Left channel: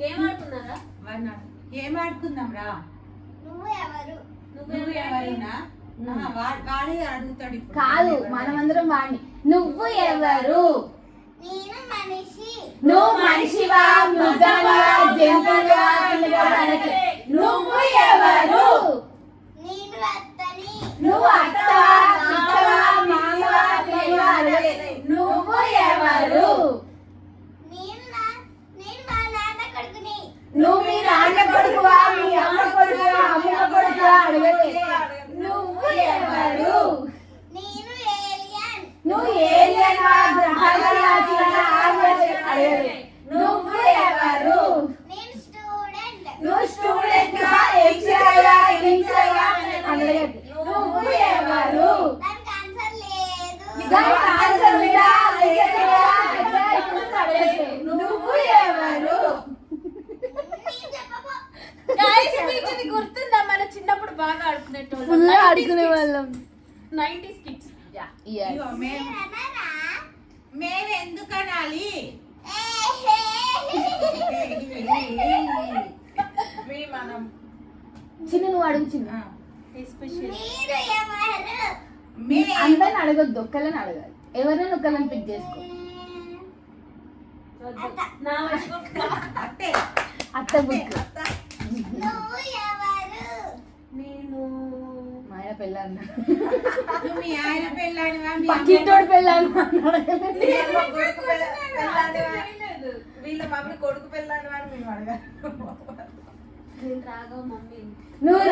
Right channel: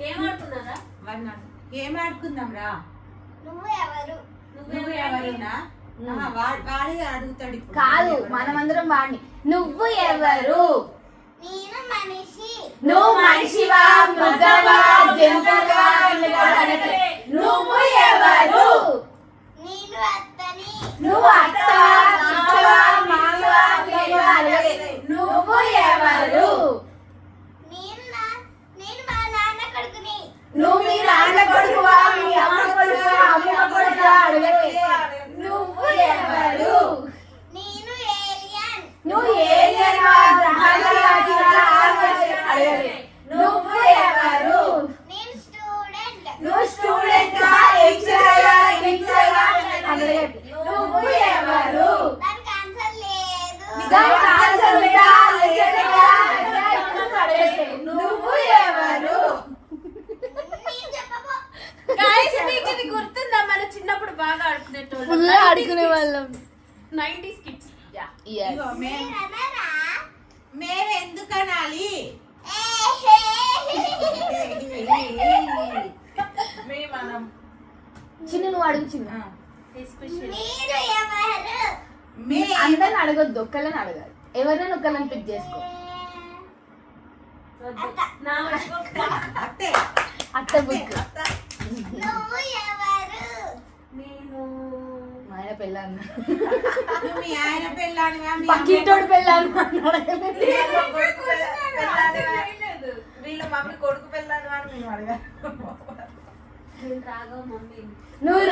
ఏమంటున్నారా మరి నాకు ఏం ఆడుకుందాం రా? నువ్వు ఎవరు? నువ్వు ఎవరునా? వాడే అడుగుతాడు కాదు మనమందరం వాడిని. నువ్వు ఎవరు? నేను మనిషి. నువ్వు మనిషివా? మృగవా జంతువువా. నువ్వు ఎవరు? నేను అత్తని. నువ్వు అత్త అత్తవా మామవా పిల్లగా అడగలే. నువ్వు ఎవరు నేను నా- నేను మా నాన్న కొడుకుని నువ్వు మీ నాన్న కొడుకువా మీ అమ్మ కొడుకువా అమ్మ కొడుకువా అడగలే నువ్వు ఎవరు? నేను ఏలియన్. నువ్వు ఏలియనా ఆగలే అడగలే నువ్వు ఎవరు? నేను స్టూడెంట్. నువ్వు స్టూడెంట్ చేయాలా అడగలే నువ్వు ఎవరు? దానికి ఆన్సర్ లేదు దానికి ఆన్సర్ ఉందా నిజంగా అట్లా ఇప్పుడు అడగట్లే నువ్వు ఎవరు నేను చెప్పబో గైస్ మీకు ఇది గుర్తుందా మన చిన్నప్పుడు బాగా ఆడుకునేటోళ్ళం. ఫుల్ ఆడుకునే వాళ్ళం 90s కిడ్స్ మేము ఎందుకు అనాలి చిన్న నువ్వు అడుగు చిన్న. అందరిని అడగొద్దు ఒక్కళ్ళని అడగాలి. ఎవరైనా ఒక్కళ్ళని పిక్ చేసుకో. అత్త. బుక్. మా ఆయన పెళ్ళ అన్నాడు నువ్వు మీ ఆయన మీ పక్కింటోడు పెళ్ళ అన్నాడు. వీళ్ళ మమ్మీ కొడుకు పెళ్ళానివా అని మేము అడగాలి. నేను రాఘవ మమ్మీ. నువ్వు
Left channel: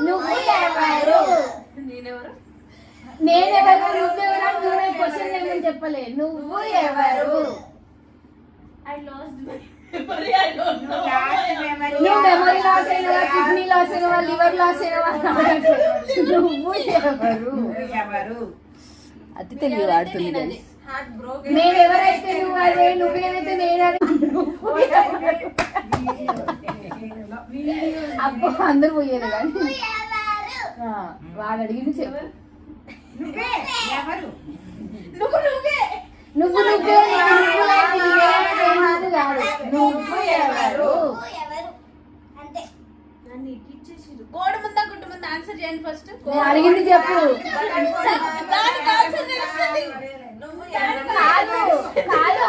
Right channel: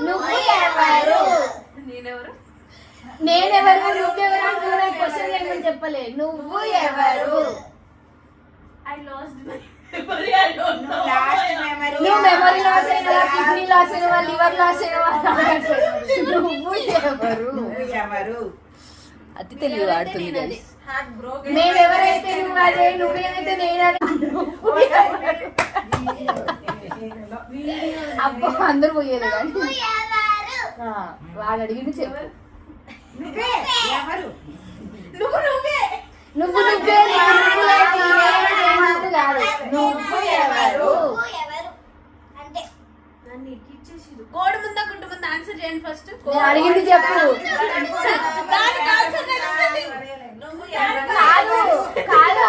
నువ్వు ఎవరు? నేనెవరు? నేనెవరు? నువ్వెవరు? అని కూడా క్వశ్చన్ ఏమని చెప్పలే నువ్వు ఎవరు? ఐ లాస్ట్ నువ్వు మెమరీ లాస్ అయినవా కిడ్నీ లాస్ అయినవా లివర్ లాస్ అడగట్లే. నువ్వు ఎవరు? ఎవరు అతి తెలివి వాడుతుంది మేమెవరైతే నువ్వు అదే ఎవరు? అబ్బో అందరు పోయేది కానీ. వాడు అడిగింది చెప్పు. నువ్వే ఎవరు? నువ్వు నువ్వే. నువ్వు నువ్వే నువ్వు నువ్వులే నీవే నేనందు కాదు నువ్వు ఎవరు? నువ్వు ఎవరు? అంటే నన్ను ఎక్కిచ్చేసిరు కోడి ముందా గుడ్డు ముందా? ఆన్సర్ చేయండి ఫస్ట్ నేను అడిగింది చెప్పు. కాదు కాదు.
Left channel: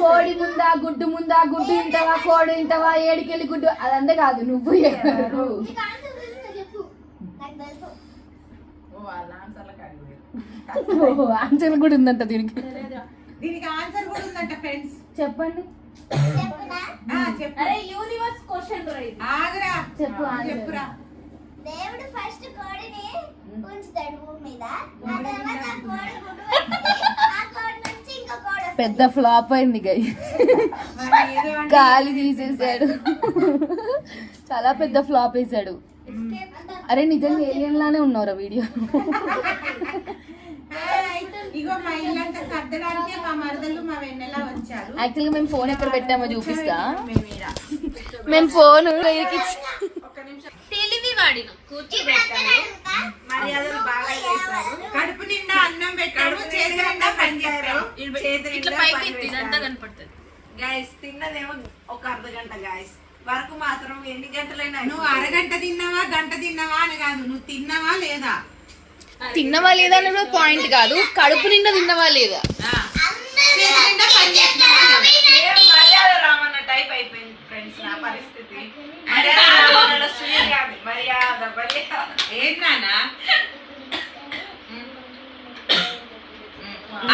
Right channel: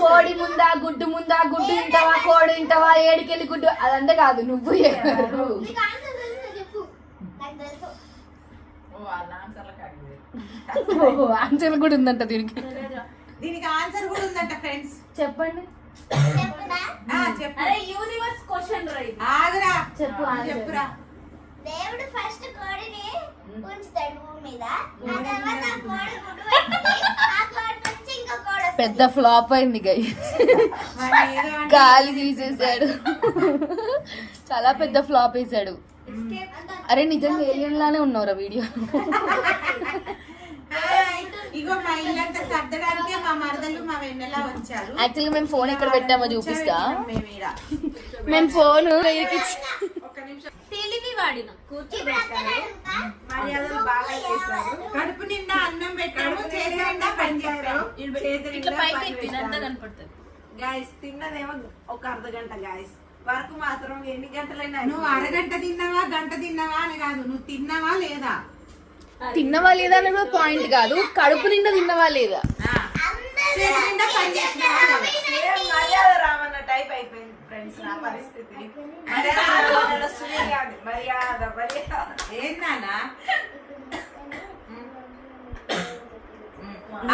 కోడి ముందా గుడ్డు ముందా గుడ్డు ఇంటవా కోడి ఇంటవా ఏడికెళ్ళి గుడ్డు? అదంతా కాదు నువ్వు ఎవరు? ఆన్సర్ కూడా ఉందంట దీనికి. దీనికి ఆన్సర్ కూడా ఉందంట ఫ్రెండ్స్. చెప్పండి. చెప్పునా చెప్పు. అరే యూనివర్స్ క్వశ్చన్ రా ఇది. ఆగురా. చెప్పు ఆన్సర్. చెప్పురా. దేవుడు ఫస్ట్ కోడిని ఉంచుతాడు భూమి మీద. ఆ తర్వాత ఆ కోడి గుడ్డు పెట్టి ఆ కోడి నుంచి ఇంకో కోడి వస్తుంది. పెద్ద ఫ్లాప్ అయింది గై గాలి తీసేసాడు. చాలా పెద్ద ఫ్లాప్ వేసాడు. అరే నిజంగా ఏలియన్ లానే ఉన్నావురా వీడియో. ఇగో మా ఇల్లంతా సర్దడానికి మా మరదలు మా వెన్నెల వచ్చారు. యాక్చువల్గా మేము ఫోన్ ఎక్కడ పెట్టామో చూపిస్తా. మేము ఫోన్ ఒక్క నిమిషం. తెలివి వాడిన. కూర్చోబెట్టాను. మర్యాదలు బాగా చేశారు. కడుపు నిండా అన్నం పెట్టాము చేతి నిండా పని చేశారు. ఇట్లా పైకి కనపడుతుంది. గాయస్ తిన్నదేమో ఒక అర్ధ గంట గాయస్ వరకు మాత్రం ఎన్ని గంటలైనా నువ్వు అరగంట తిన్నావా గంట తిన్నావా అని కాదు. నువ్వు తిన్నావా లేదా? తిన్నవా లేదా అనేది పాయింట్ కాదు. కడుపు నిండా తిన్నవా లేదా?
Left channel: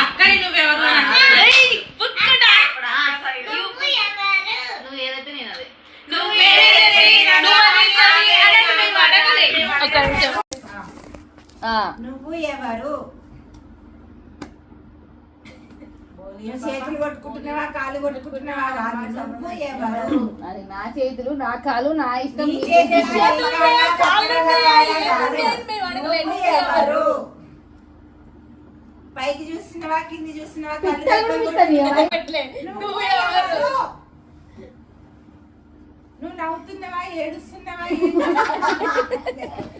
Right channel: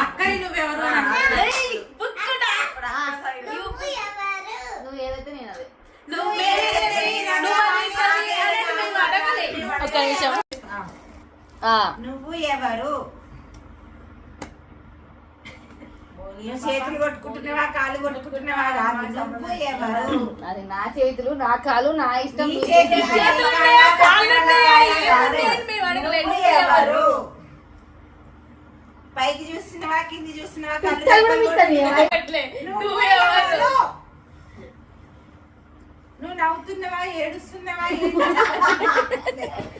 అక్కడి నువ్వెవరు. నువ్వు నువ్వు ఏదైతే నేను అదే ఒక్క నిమిషం. ఆ, నువ్వు ఎవరు? నువ్వు చేతులు కొట్టుకుంటున్నావా కాళ్ళు కొట్టుకుంటున్నావా? కాదు నువ్వు ఎవరు? అది నా చేతులు నా కాలు నా ఇష్టం. నీ చేతులు కాదు. నువ్వు ఎవరు? పైకి చూస్తున్నావా కింది చూస్తున్నావా కళ్ళు పిక్కలు కూడా దగ్గర పిక్కలు ఏమై? నువ్వు ఎవరు? నువ్వు నవ్వుతున్నావా ఏడుస్తున్నావా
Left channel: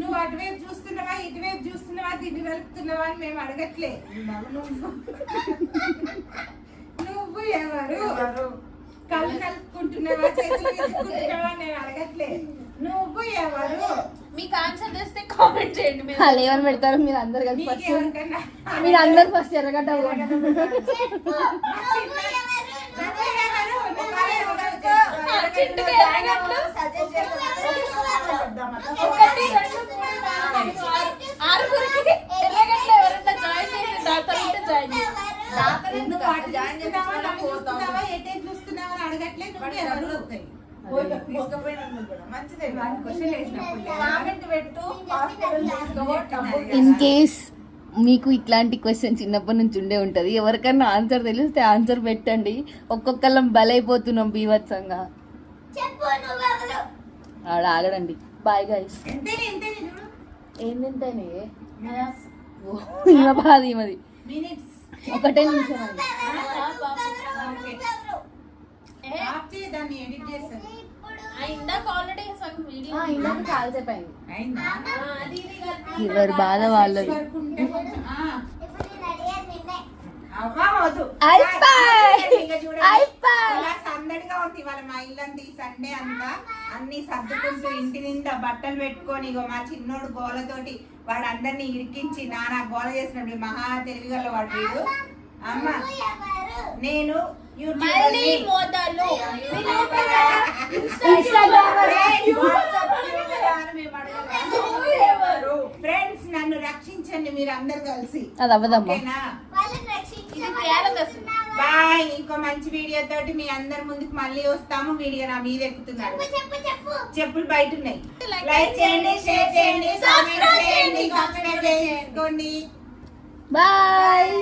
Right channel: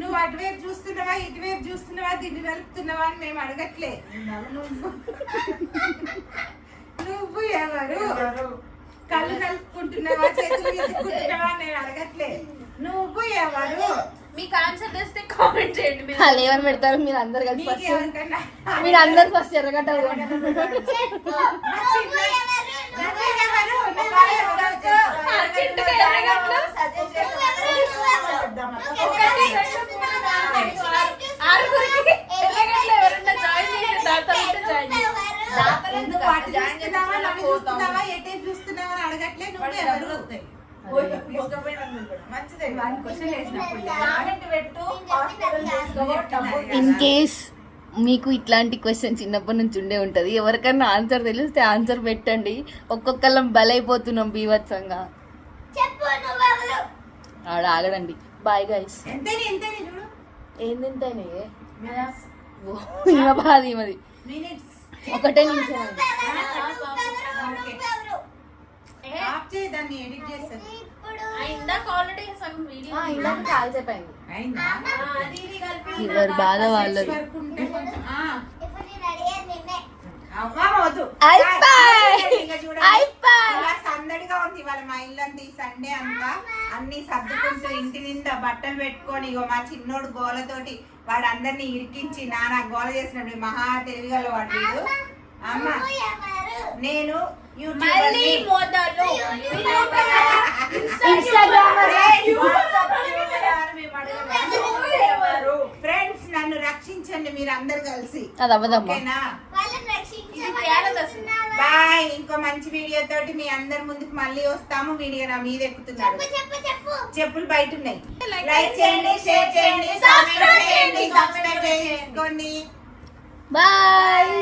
నువ్వు అటువైపు చూస్తున్నావా ఇటువైపు చూస్తున్నావా దీన్ని వెలుపుతున్నావా అని మేము అడగట్లే. నువ్వు నువ్వు ఎవరు? కళ్ళు నలుపుకుంటున్నావా చేతులు తీసుకుంటున్నావా నేను అడగట్లే. నువ్వు ఎవరు? మీకు ఆన్సర్ చేస్తే కామెంట్ చేయండి మీరు. వాళ్ళు ఏమని పెడతారు మీరు అందరు కలిసి ఫస్ట్ మీరు అందరు ఫస్ట్ ఎర్రగడ్డ చూస్తున్నావా అడగట్లే నువ్వు ఎవరు ఇన్ కేస్ మీకు ఇట్లాంటి క్వశ్చన్ చిన్నప్పటి నుంచి ఉండే ఉంటది. ఎవరికన్నా ఆన్సర్ తెలిస్తే ఆన్సర్ పెట్టండి. ఒక్కొక్కళ్ళం బలైపోతున్నాం నువ్వెవరు ఆడ ఆగడండి. బాయ్ గైస్ ఎంతేనే ఎంతేనే బాధ ఈమెది. ఒకటే నిమిషం ఇందాక అయింది? ఎవరి బాధ వాళ్ళది. ఇలా సందడిగా ఉంది ఇవాళ మా ఇల్లంతా ఈ సండే అంతా. అన్ని సర్దుకుంటూ ఇంటి నిండా బట్టలు పెట్టుకొని ఇగో మా చిన్నోడు గోలతోటి వాడు అందరిని ఇరికించి నానా గోల చేసినప్పుడు మహా తెలివిగల వాడు వీడు. అమ్మ ఎవరు? నేను యూట్యూబ్ మోదాలు ఇన్స్టాగ్రామర్ ఫ్రెండ్స్ నన్ను రక్షించండి మీరు అందరు కలిసి. అది అవ్వదమ్మా. బాయ్ ఇంకో మంచి వీడియో తోటి మీ అందరి ముందుకు మళ్ళీ వస్తాము. వీడియో నా మీద ఎక్కుతున్నారు. చెప్పు చెప్పు చెప్పు. చెప్పులు బయట ఉన్నాయి. లైక్ చేయండి షేర్ చేయండి సబ్స్క్రైబ్ చేయండి సబ్స్క్రైబ్ చేసుకోండి. బాయ్